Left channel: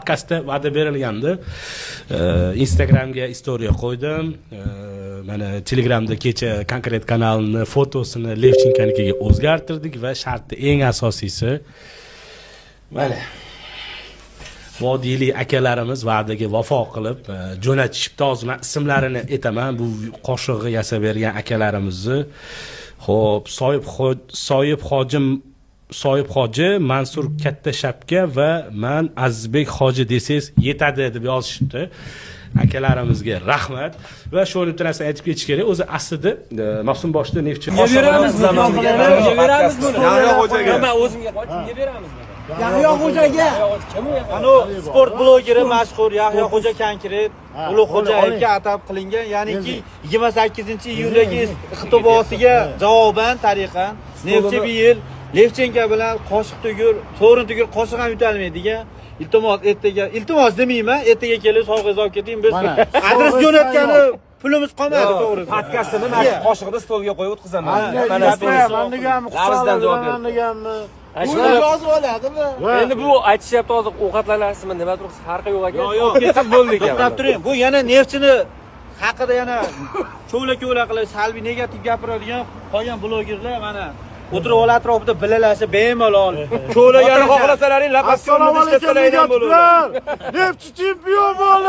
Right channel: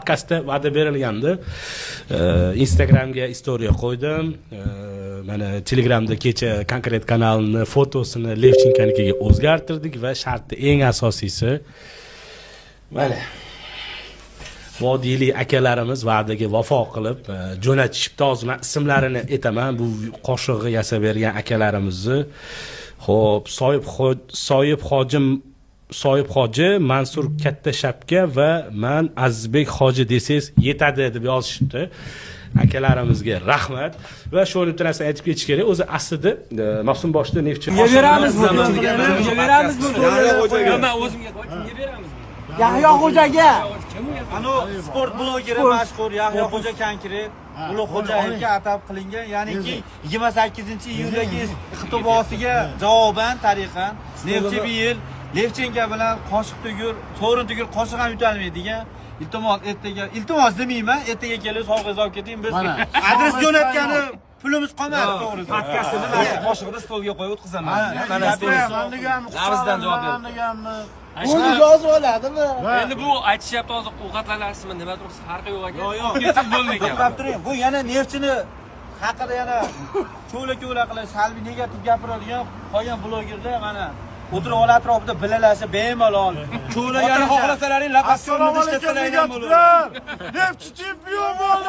Podkastda va'da berilgandi. Instagramga story qo'ydim. Mana Telegramda kecha konkret kanalni fotosini Levchinkanikiga o'zgartirdik va shartda eng asosiysi mana vodiylik akalarimiz va'daga vafo qilib jo'natishibdi. Hozir men ismlarini aytaman. Bu qo'shig'i yasab bergan akalarimizni. Xo'p, Soyib Hoji, Mansur Katta Shapka va men Azizbek Hoji desangiz yetadi deb yozishibdi. Akalarimizga rahmat va shu bitta narsani aytib ketish kerak. O'zi aslida mavsum boshida neftchi beramiz buni. Men o'zimga kimga beramiz? Yahyo Xo'jaga. Ana sport blogeri mashhur Yahyo Xo'ja konkret Ulug' Xo'jayevga atab qilingan, ya'niki 28-iyuldagi ixtibosiga javoban tariqan neftchi bir yil Levchenko bilan qoshiq tugur, so'rin tugur qoshiq ham yutalmaydigan. Iltimos demayman, ertaga kelib sovg'a olib keting biz. Adres jo'natgani pulimiz qolmadi to'g'risi. Podkastini mana qoshiqni stolga qo'yib o'tkazaman. Mana Larizdan javob berdim. Buni yozib oladimi? Endi bu aytishyapti hozir ovqatlanasizmi, nima turibsiz? Farqi yo'q ekan. Yo'q, ketib bo'ldi ekan. Qarab turing. Bu yana neftchini haqida yana cho'la qilib salbiy negativ gapiradigan qolgan blogerlar mana o'tirib ol atrofida bilalashib bemalol cho'la yana xohlasalaring laqab ko'rinish deb tilaydigan bo'ladi. Neftchi chempion bo'ldi.